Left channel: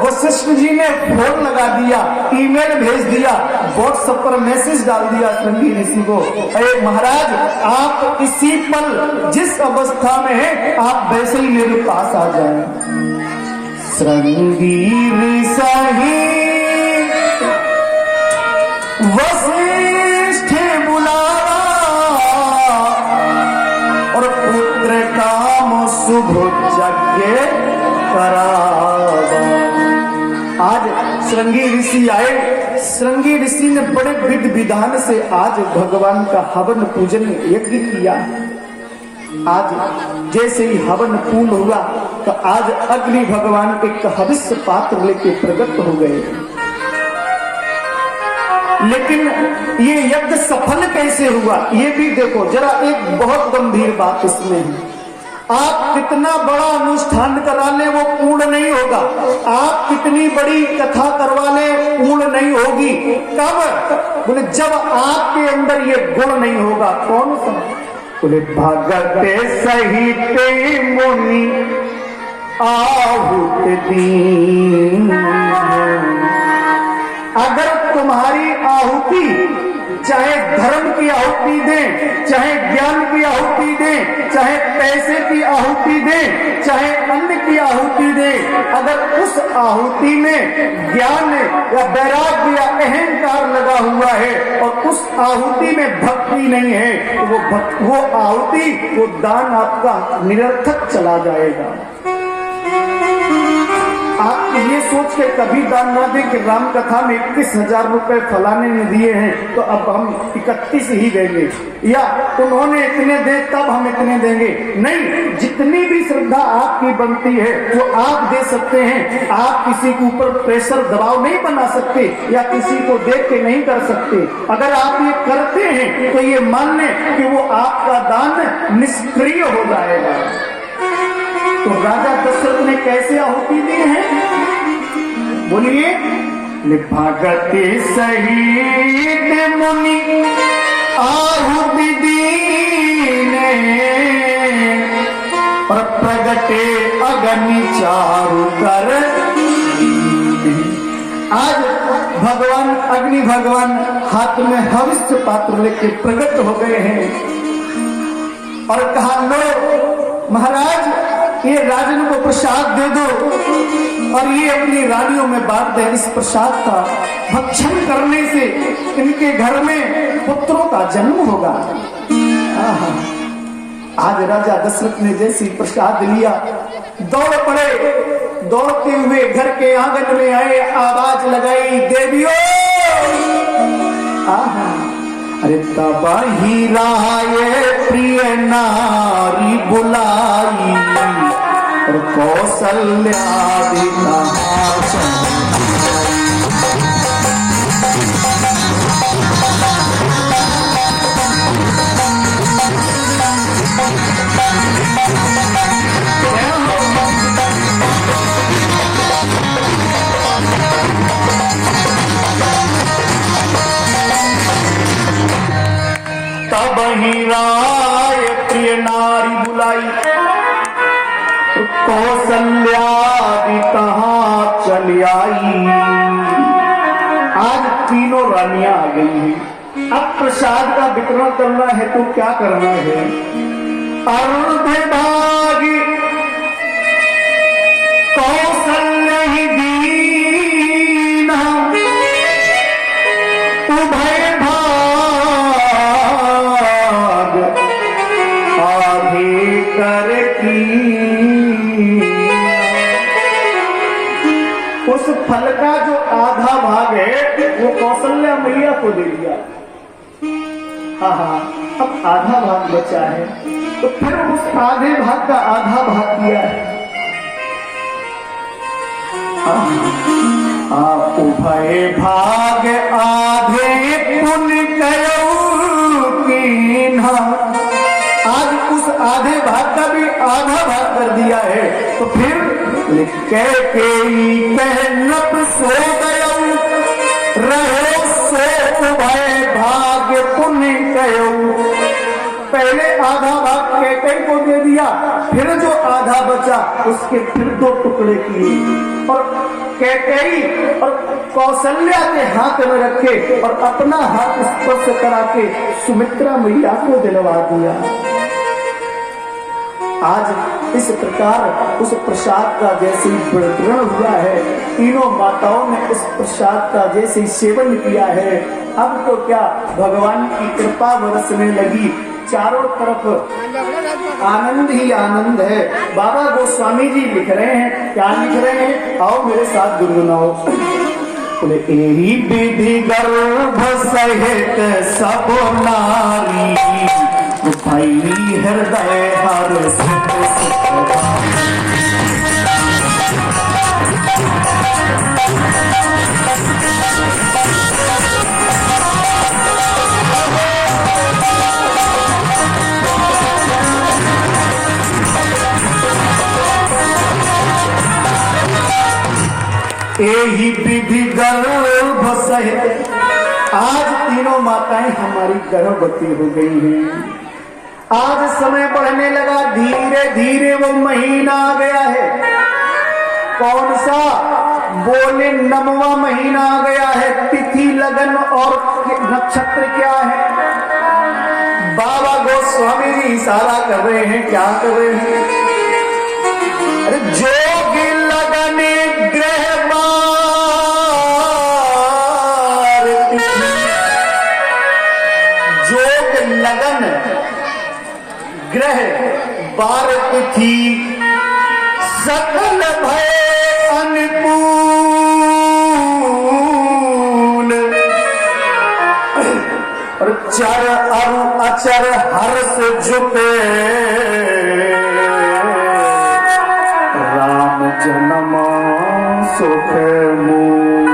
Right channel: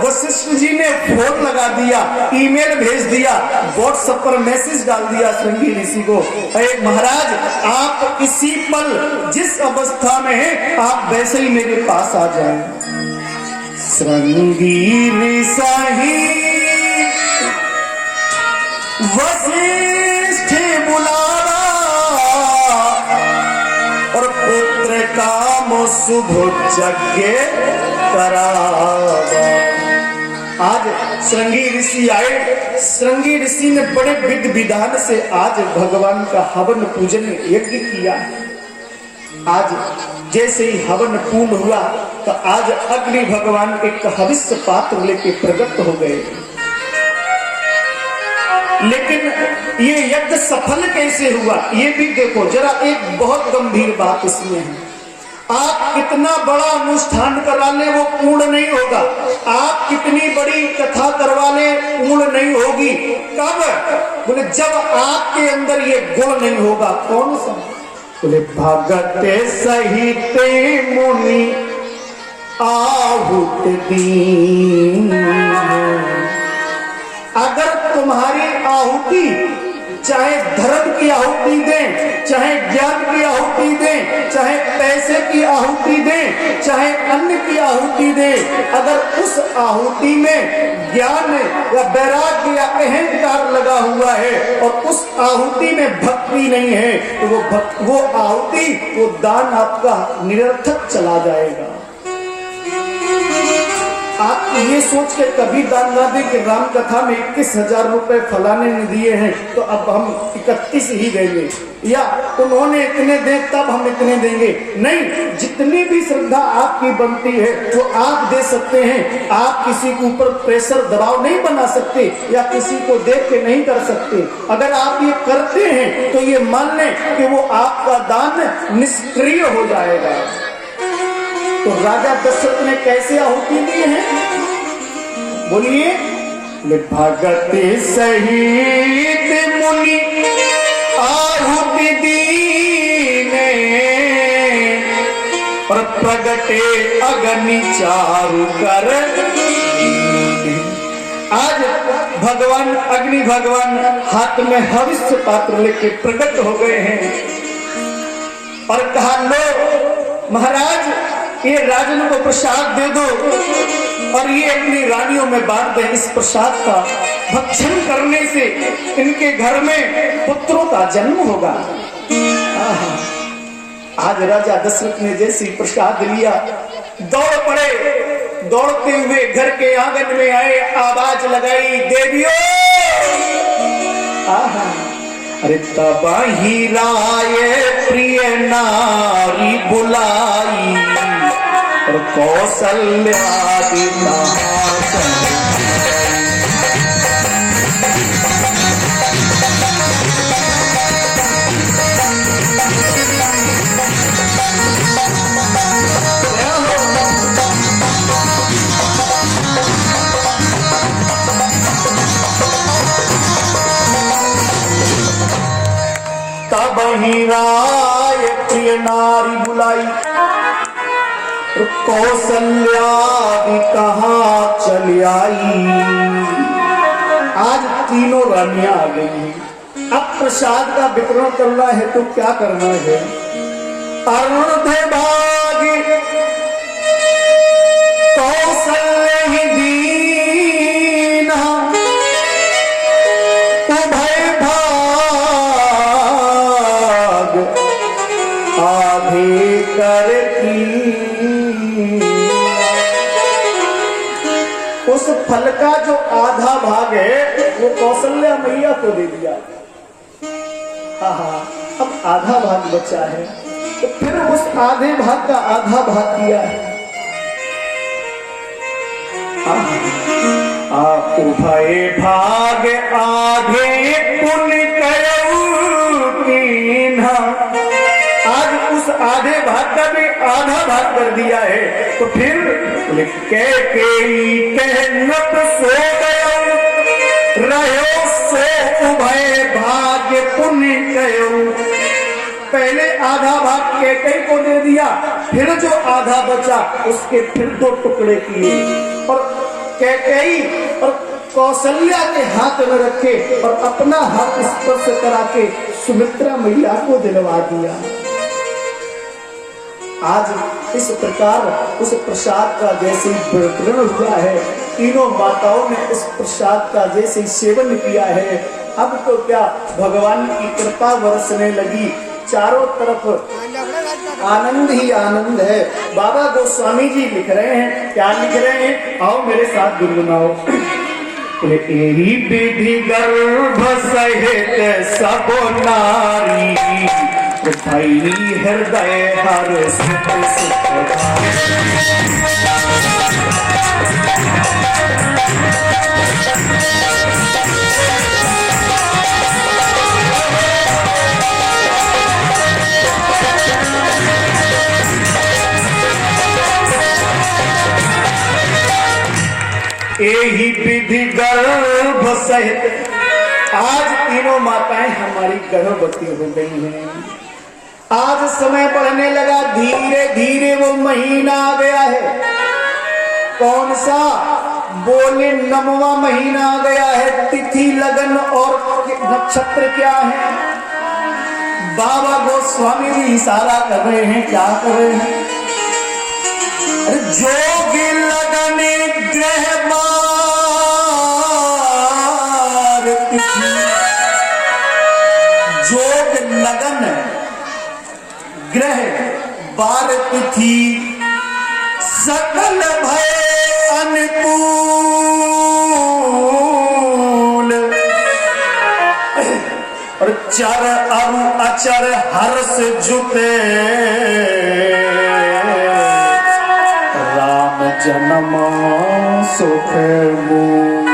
वशिष्ठ जी ने फोन लगा दिया, ईमेल भेज दिया, व्हाट्सएप पर मैसेज डाल दिया श्रृंगी ऋषि को, अरे महाराज आप इसी पल जिस अवस्था में हैं आप वैसे ही मेरे पास आ जाएं। श्रृंगी ऋषि वशिष्ठ बुलावा और पुत्र काम शुभ यज्ञ करावा। आज श्रृंगी ऋषि आए, श्रृंगी ऋषि ने बड़े विधि विधान से आज भगवान का हवन पूजन यज्ञ किया। आज जैसे ही हवन पूर्ण हुआ तो आज अग्नि भगवान एक हविष्य पात्र लेके प्रकट हो गए। लेकिन ये यज्ञ सफल कैसे हुआ ये भी देखो जरा, एक बहुत गंभीर बात इसमें है। आप कितना बड़ा अनुष्ठान करा ले वो पूर्ण नहीं होगा, आप कितनी बड़ी कथा करवा ले पूर्ण नहीं होगी। कब? बोले जब आपके अंदर ये गुण नहीं होगा। कौन सा? बोले भगते सहिते मुनि आहुत दीन। अगर तुम्हारी आहुति चाहे धर्म की आहुति दें, चाहे ज्ञान की आहुति दें, चाहे पैसे की आहुति दें, चाहे अन्न की आहुति दें, अगर उस आहुति में ज्ञान या वैराग्य या अहंकार लगा हुआ है और उस आहुति में भक्ति नहीं है तो वो आहुति, वो दान आपका निरर्थक चला जाएगा। आप ये सोच के कभी दान ना दें कि राम कथा में 21,000 रुपए फलाने ने दिए हैं तो अब हम 31 ही देंगे, या उन्होंने इतने दे तब हम इतने देंगे। नहीं, जितनी भी श्रद्धा आपकी बनती है वो आप दे सकते हैं। आप किसी के ऊपर प्रेशर दबाव नहीं बना सकते या किसी को देख के नहीं कर सकते। अगर आप ये करते हैं तो ये मान लें कि वो आपका दान निष्क्रिय हो जाएगा। तो राजा दशरथ ने कैसे आहुति दी है? बोलिए, भगति सहित मुनि आहुति दीने और प्रगटे अग्नि चारु कर। आज भगवान अग्नि भगवान हाथ में हविष्य पात्र लेके प्रकट हो गए हैं और कहा, लो महाराज ये राजन को प्रसाद दे दो और ये अपनी रानियों में बांट दें। इस प्रसाद का भक्षण करने से इनके घर में पुत्रों का जन्म होगा। आज राजा दशरथ ने जैसे प्रसाद लिया दौड़ पड़े, दौड़ते हुए घर के आंगन में आए, आवाज लगाई, देवियों। अरे तब ही राय प्रिय नारी बुलाई और कौशल्यादि तब ही राय प्रिय नारी बुलाई कौशल्यादि कहाँ चली आई। आज तीनों रानियां आ गई हैं। अब प्रसाद का वितरण करना है तो क्या करना है? अर्धभागी कौशल्य ही दीना उभय भाग आधे कर की। उस फल का जो आधा भाग है वो कौशल्या मैया को दे दिया। अब आधा भाग बचा है तो फिर उस आधे भाग का आधा भाग किया है। उभय भाग आधे पुण्य करो कीन्हा। आज उस आधे भाग का भी आधा भाग कर दिया है तो फिर कह के कहनत सो गयो रहो सो उभय भाग्य पुण्य कयो। पहले आधा भाग कैकेयी को दे दिया, फिर जो आधा बचा उसके फिर दो टुकड़े किए और कैकेयी और कौशल्या के हाथ में रखे और अपना हाथ स्पर्श करा के सुमित्रा मैया को दिलवा दिया। आज इस प्रकार उस प्रसाद का जैसे ही वितरण हुआ है, तीनों माताओं ने इस प्रसाद का जैसे ही सेवन किया है, अब तो क्या भगवान की कृपा बरसने लगी। चारों तरफ आनंद ही आनंद है। बाबा गोस्वामी जी लिख रहे हैं, क्या लिख रहे हैं, आओ मेरे साथ गुनगुनाओ। बोले यही विधि गर्भ सहित सब नारी, भाई हृदय हर सुख यही विधि गर्भ सहित। आज तीनों माताएं हमारी गर्भवती हो गई हैं। आज समय बढ़ने लगा, धीरे धीरे वो महीना आ गया है। कौन सा? बोले 9वां महीना आ गया है। तिथि लगन और नक्षत्र क्या है? बाबा गोस्वामी जी इशारा कर रहे हैं, क्या कर रहे हैं? अरे जोगी लगन ग्रह जोग लगन ग्रह बार तिथि सकल भय अनुकूल। और चर अरु अचर हर्ष जुटे, राम जन्म सुख मूल।